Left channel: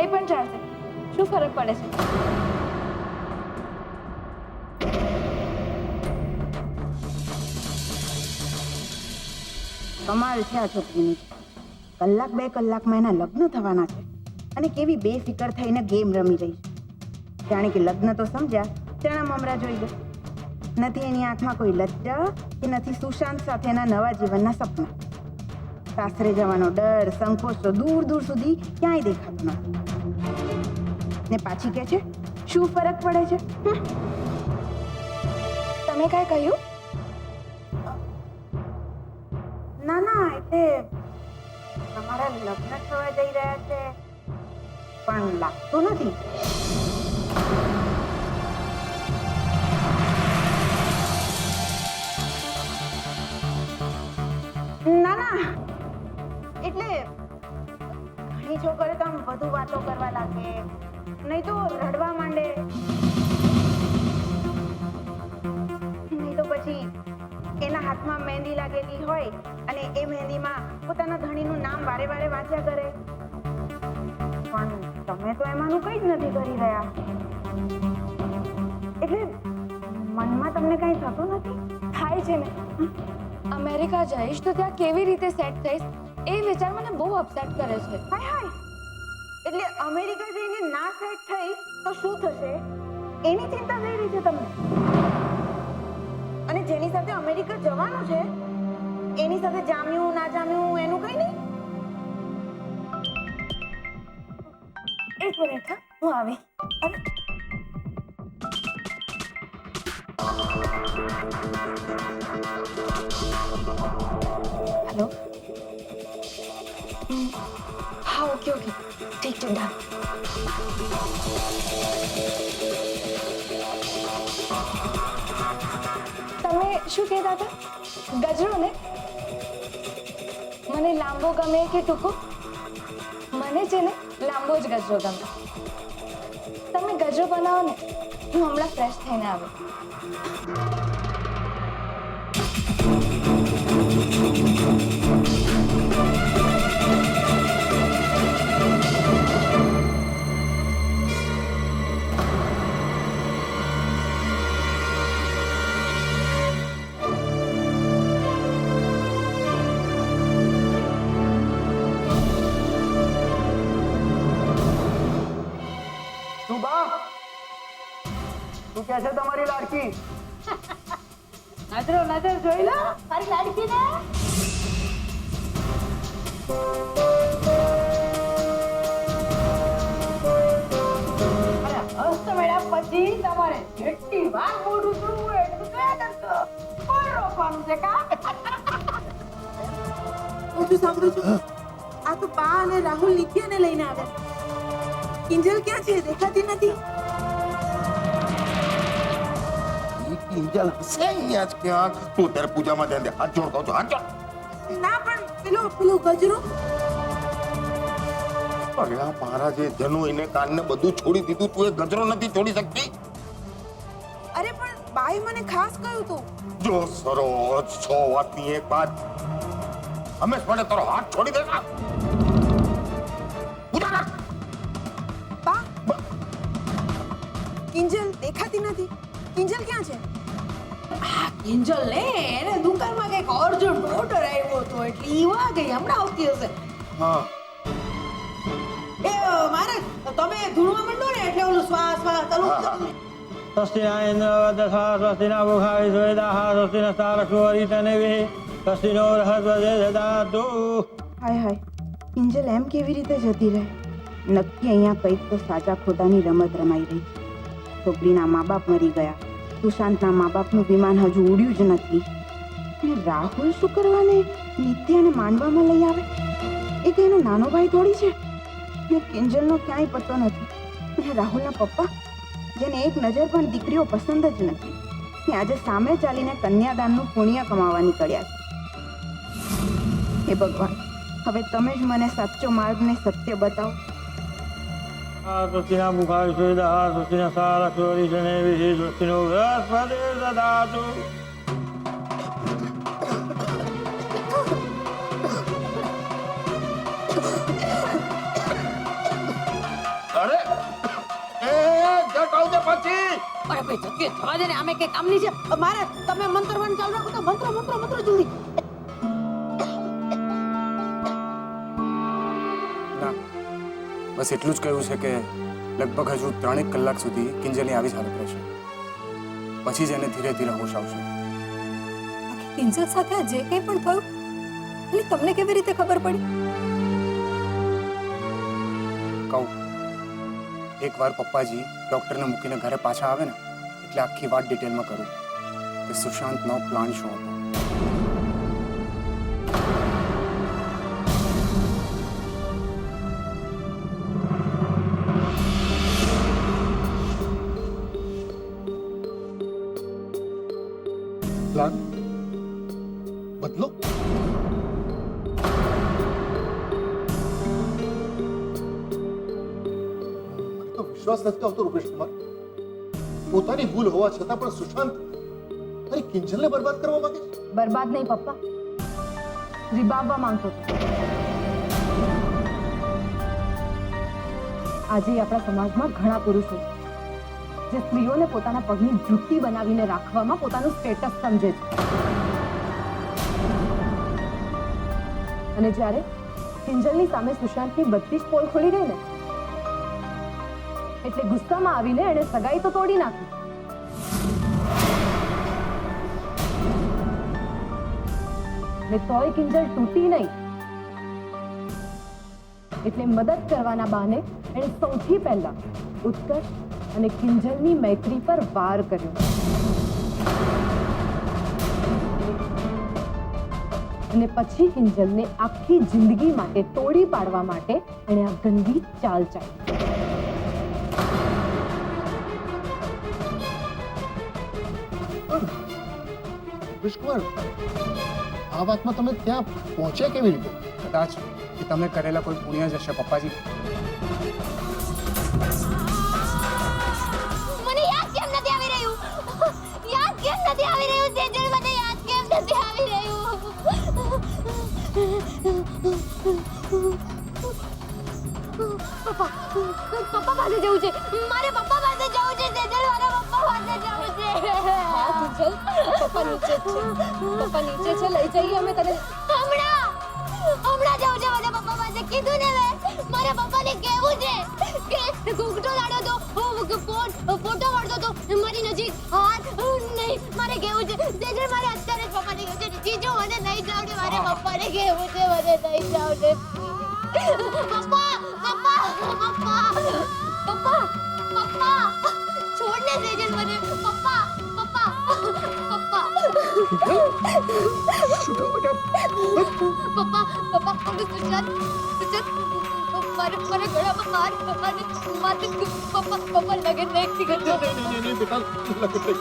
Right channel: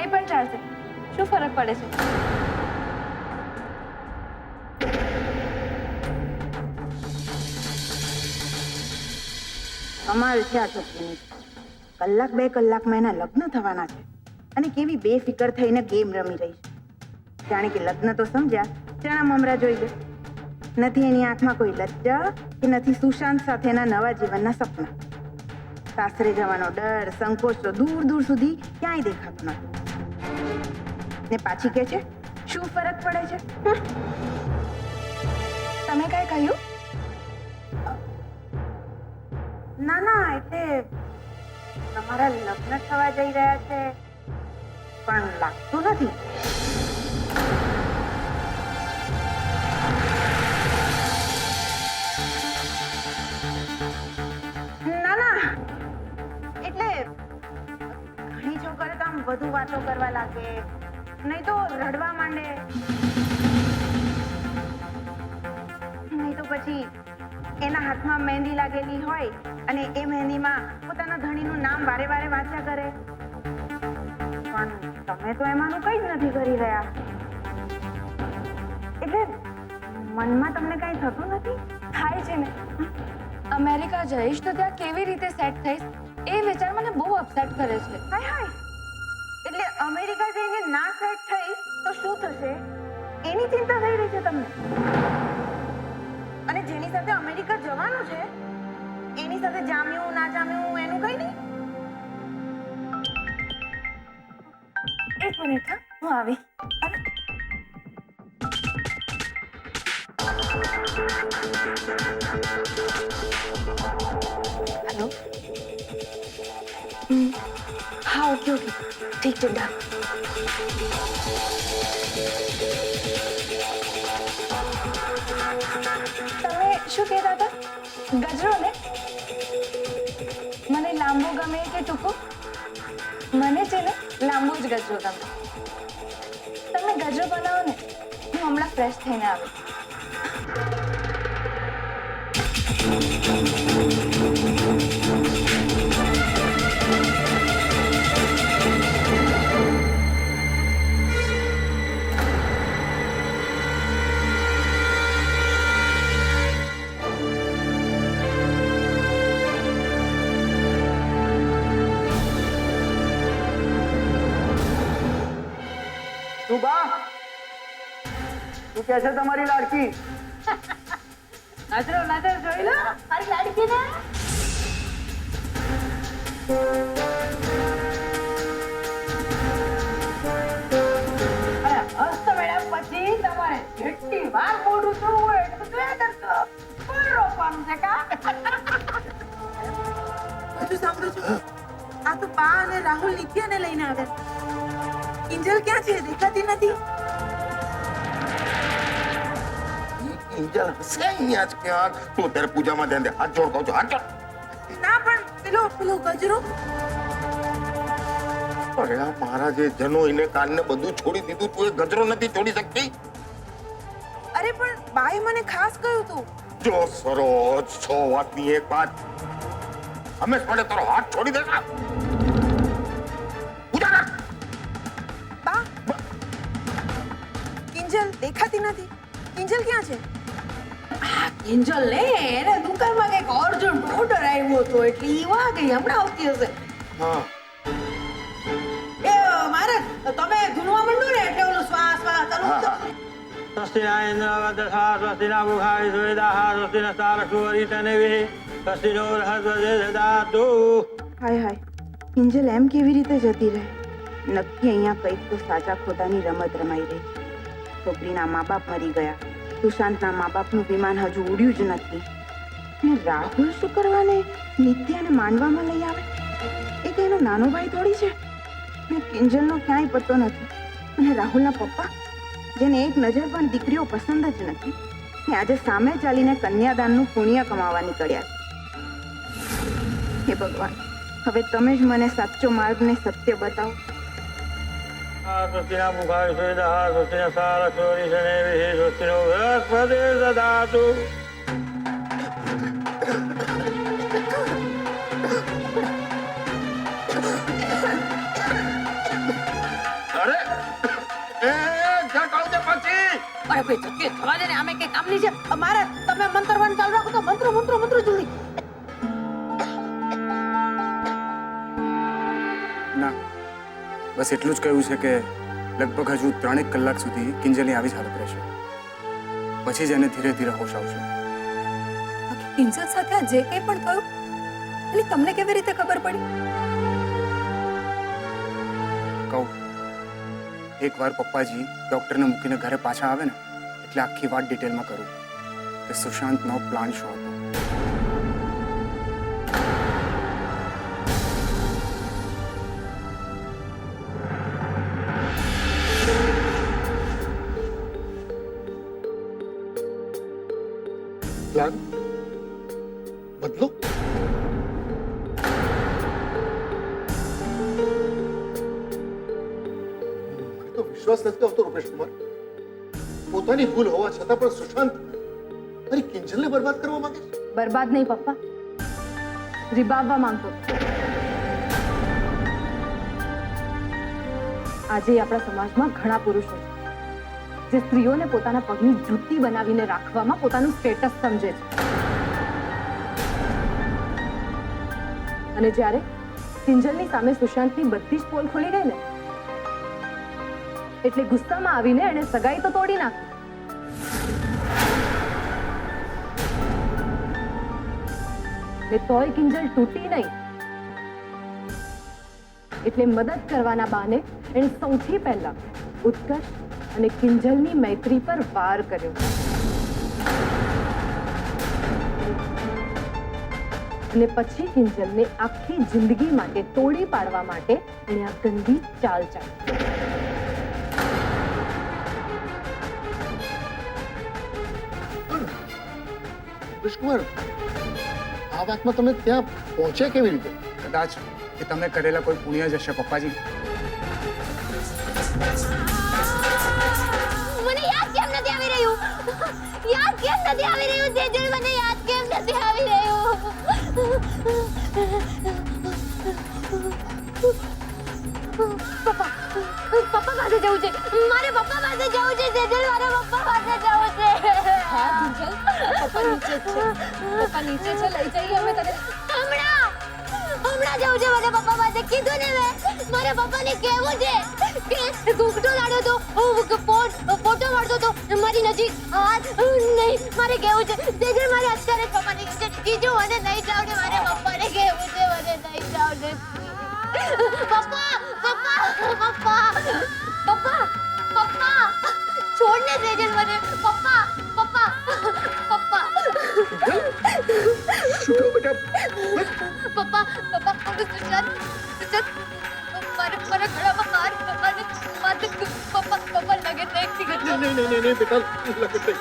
કંઈ પણ ચાલશે. શું ફરક પડે છે? કમાલ છે આ છોકરીની. કલાક બે કલાકમાં એના લગ્ન થવાના છે અને કેવી બેફિકર થઈને ગેમ રમી રહી છે. જાણે કે લગ્ન તો સમજ્યા ચણા મમરા જોઈ ગઈ. નથી એની આંખમાં કોઈ લજ્જા કે નથી સુશાંત સાથેના નવા જીવનના સપના. સાસરે જવાનો ડર સંકોચ તો દૂર દૂર સુધી ક્યાંય દેખાતો નથી. ને પાછી કે છે શું ફરક પડે છે? તમે કાંઈ કહ્યું? ના ના, એટલે તમારા લગ્ન થવા જઈ રહ્યા છે પણ લાગતું નથી. ના ના, એટલે ઘણી છોકરીઓ તો આમ વધુ વાતો કરવા લાગે, નહીં તો રડવા માંડે, નહીં તો પછી એના હાથમાં મહેંદી લાગેલી હોય અને એ મહેંદીમાં પોતાના ધણીનું નામ વારે વારે વાંચ્યા કરે. પણ તમે તો એમાંનું કંઈ જ નથી કરી રહ્યા. એટલે મનમાં તમને કંઈ થતું નથી? થાય છે ને. અમેરિકા જઈશ તો ત્યાં કેવી રીતે સેટ થઈશ એ વિચાર મને બહુ અપસેટ કરે છે. હાય હાય, એટલે અમેરિકા જઈને ના સેટ થઈ તો શું થશે એની ચિંતા થઈ રહી છે તમને? અને જેની સાથે અમેરિકા જવાનું છે એની સાથે જામ્યું ના જામ્યું એનું કઈ નહીં? એક મિનિટ, હા, હું આવી. હેલો. હા, ઓકે ઓકે, ઠીક છે, ડન. તમે શું કહેતા હતા? ગજરો ને? મને લાંબો ગમે કે ટૂંકો? મને છે ને લાંબો જ ગજરો ગમે. તમે ગજરો બનાવો ને, હું હમણાં ફ્રેશ થઈને આવી. તું બા, તું કે છે તમારી લાડકી? નજરો નજર જોઈ લો મારી લાડકીને. અરે હસ્ત મેળ્યા પછી તમારે જેટલી વાર મોઢું જોવું હોય એટલું જોયા કરશો. કોણ રોકવાનું છે કા? બધું સાંભળું છું. આ તો બા અને રાહુલ નિત્યાને લઈને આવ્યા. કિંજલ ક્યાં છે? દેખાતી નથી. કિંજલ હશે અહીંયા જ ક્યાંક. તું અત્યારે પૂજામાં ધ્યાન દે. હાથ જોડ કહું છું, હાથ જોડ. ના પણ પેલો ગજરો. અરે આ મારા જે જનો એને કાનને બધું છોડી દીધું, તું એ ગજરો નથી છોડી શકતી? અરે પણ બાએ મને ખાસ કહ્યું તું. જો સરોજ, 6 વાતની એક વાત. હંમેશ માટે તારો હાથ છોડી દેતા. પૂજા કર. બા, કિંજલ દેખાતી નથી. કિંજલ ક્યાં છે? કિંજલ ને એને દુકાનમાં કઈક અર્જન્ટ ઓર્ડર આવ્યો હતો એટલે ઈ વા ગઈ, હમણાં આવતી હશે. હા, એ મારે તમે ધૂણવા માંડો ને એટલે ઓલું શ્વાસ ચાલુ કરજો. સ્વસ્તિના ઇન્દ્રવદસા સ્વસ્તિના ભુખાવિ સ્વેદાહ સ્વસ્તિના તારકો અરિતનેવિ સ્વસ્તિનો બૃહસ્પતિ દદાતુ. હાય હાય, કિંજલ એમ કેવી રીતે જતી રહે? નક્કી અહીંયા કંઈક તો સાચા ખોટાની રમત રમાઈ રહી. છોકરીના મા બાપ મરી ગયા, સુશાંતના મા બાપનું વિમાન હજુ ઉડ્યું જ નથી. ને રાહુલ શું કરવાને નિત્યાને માનવામાં લઈ આવે? એ કઈ એનો નાનો ભાઈ થોડી છે. ને કિંજલનો ક્યાંય પત્તો નથી. અને રાહુલના પપ્પા, જેને એક નજર પણ દીકરીઓ પસંદ જ નથી, ને આજે સામે ચાલીને કન્યાદાનનું પુણ્ય કમાવા નીકળ્યા છે. હે ભગવાન, હવે તમે જ મને સાચો માર્ગ ને સત્ય બતાવો. સ્વસ્તિના ભુખાવિ સ્વેદાહ સ્વસ્તિના તારકો અરિતનેવિ સ્વસ્તિનો બૃહસ્પતિ દદાતુ. પૈસા કાઢ દે પછી. અરે ભાઈ જતી થવા દે ને, આમે કઈ કામની છે મારે. તમે મંત્રવાનું ચાલુ રાખો તો મંત્ર મંત્ર મંત્ર જલ્દી. ના, બસ એટલું જ કહ્યું છે કે લગભગ હજુ 3 કલાક સુધી કિંજલની આવી જ હાલત રહેશે. પછી જ એને ધીરે ધીરે હોશ આવશે. કિંજલ સાથે આ જે કંઈ પણ થયું એની તમને કેવી રીતે ખબર પડી? કહું, એકવાર પપ્પાજી ડૉક્ટરને મૂકીને ઘરે પાછા આવે ને એટલે આખી વાત ડિટેલમાં કરું કે સુશાંતનો પ્લાન શું હતો. પ્લાન બદલો. મને તો વિશ્વાસ નથી આવતો રૂપેશ કુમાર. પોતાની ભૂલ હોવા છતાં પણ સુશાંત મારી કિંજલને બરબાદ કરવા માંગે છે. બરબાદ નહીં પપ્પા, રીબાવવા માંગતો હતો. આજે આપણા સમાજમાં ઘણા પુરુષો છે જે સ્ત્રીઓને પોતાના પગની જૂતી બનાવીને રાખવામાં પોતાનું સ્ટેટસ સમજે છે. અને જ્યારે કિંજલની સામે સુશાંતની બધી જ પોલ ખુલી ગઈ ને એટલે ગુસ્સામાં આવીને એણે સગાઈ તો તોડી નાખી. ને તોય કિંજલ તૂટી નહીં એટલે મદદ કરવાના બહાને એણે સૌથી પહેલા ઉત્કર્ષ અને કિંજલની મૈત્રી પર વાર કર્યો. અને પછી કિંજલને આખી જિંદગી માટે તોડી પાડવા માટે એણે આ ગંદી ચાલ ચાલી. રૂપેશ કુમાર, આ વાતમાં તમે ત્યાં પહોંચ્યા કેવી રીતે? કદાચ એ તમે કરેલા કોઈ પુણ્ય જ હશે પપ્પાજી. મને યાદ કેમ નથી આવી રહ્યું? યાદ કેમ નથી આવી રહ્યું? તેજલ, મને યાદ કેમ નથી આવી રહ્યું? પપ્પા, પપ્પા પાસે જવું છે. મારે પપ્પા પાસે જવું છે. તેજલ, મારે પપ્પા પાસે જવું છે. હા કિંજલ, પપ્પા નીચે જ છે. પપ્પા નીચે છે, લઈ જઈએ અમે તને. હમણાં જવું છે મને પપ્પા પાસે. કીધું ને મેં, મારે પપ્પાને કહેવું છે કે ઘૂંઘટો લાડ્યો તો, ફોટો મળતો તો મારી નજીક હાથ નહીં. મારે કહેવું છે તેજલ, મારે અત્યારે જ પપ્પાને કહેવું છે. જીજુ, મને નહીં જાવડે. મારે પપ્પાને કહેવું છે. મને નહીં જાવડે. પપ્પા, પપ્પા, પપ્પા, પપ્પા, પપ્પા, છોડ ને તેજલ મને. પપ્પા, પપ્પા, પપ્પા, પપ્પા, પપ્પા, સુશાંત, મારે ગળામાં હાર અને માથે પપ્પા, પપ્પા લગે નહીં. નહીં બેટા, લગત નહીં.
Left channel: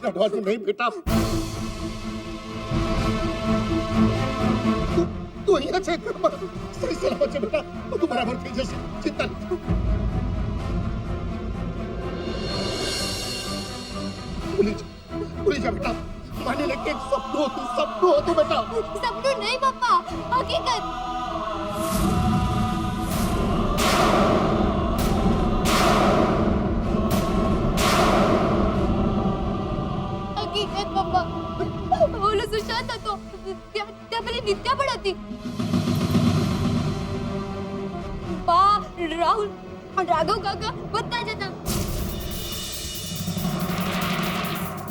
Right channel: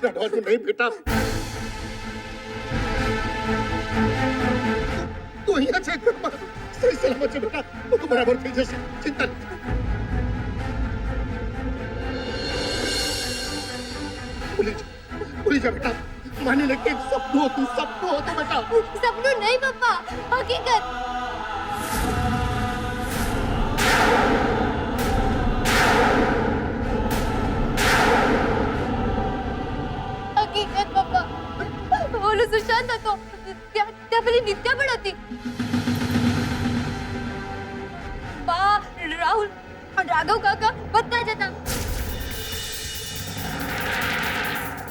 રડવાનું નહીં બેટા. તું અહીંયા છે, ઘરમાં સહી સલામત છે બેટા. બધું બરાબર થઈ જશે, ચિંતા નહીં. ભૂલી જા બેટા. માની લે કે એક સપનું હતું બેટા. સપનું નહીં પપ્પા, હકીકત. હકીકત પપ્પા, ઓલો સુશાંત હતો. ત્યાં પેલી નિત્યા પણ હતી. બા, રાહુલ, રાઘવ કાકા બધા જ હતા.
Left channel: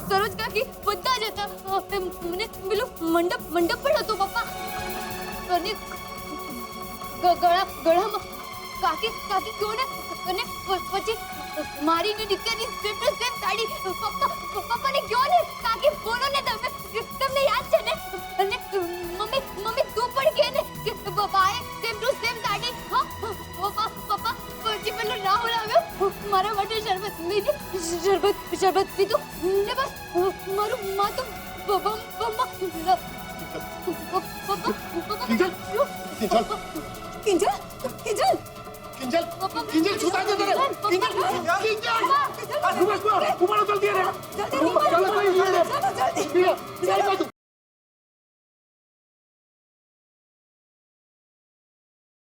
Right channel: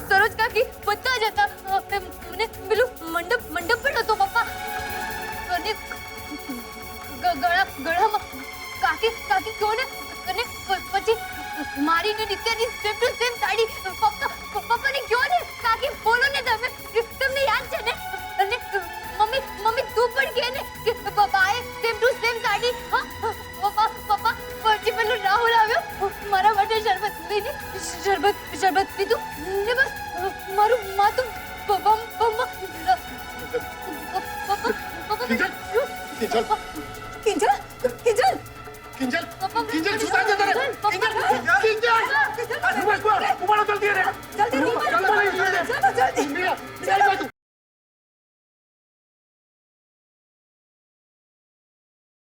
સરોજ કાકી બધા જ હતા. મને પેલું મંડપ પણ હતો પપ્પા. અને ગળામાં કાકી કહો ને. અને પછી મારીને નિત્યાની સેમ ટુ સેમ સાડી. પપ્પાને કહો ને. કાકી બોલો ને તમે. તમને યાદ છે ને? અને મમ્મી તું પણ કહે ને કે બાબાએ સેમ ટુ સેમ સાડી. હા પપ્પા, પછી પેલો રાહુલ આવ્યો, મારા માટે શરબત લઈને શરબત પીધું ને બસ મારું માથું કિંજલ, કિંજલ, કિંજલ, કિંજલ છૂટા જતા રે. કિંજલ, રૂપેશ કુમાર, ઉપાડો જલ્દી રે. જલ્દી ચાલો જલ્દી. જલ્દી. ચાલ બાજુ.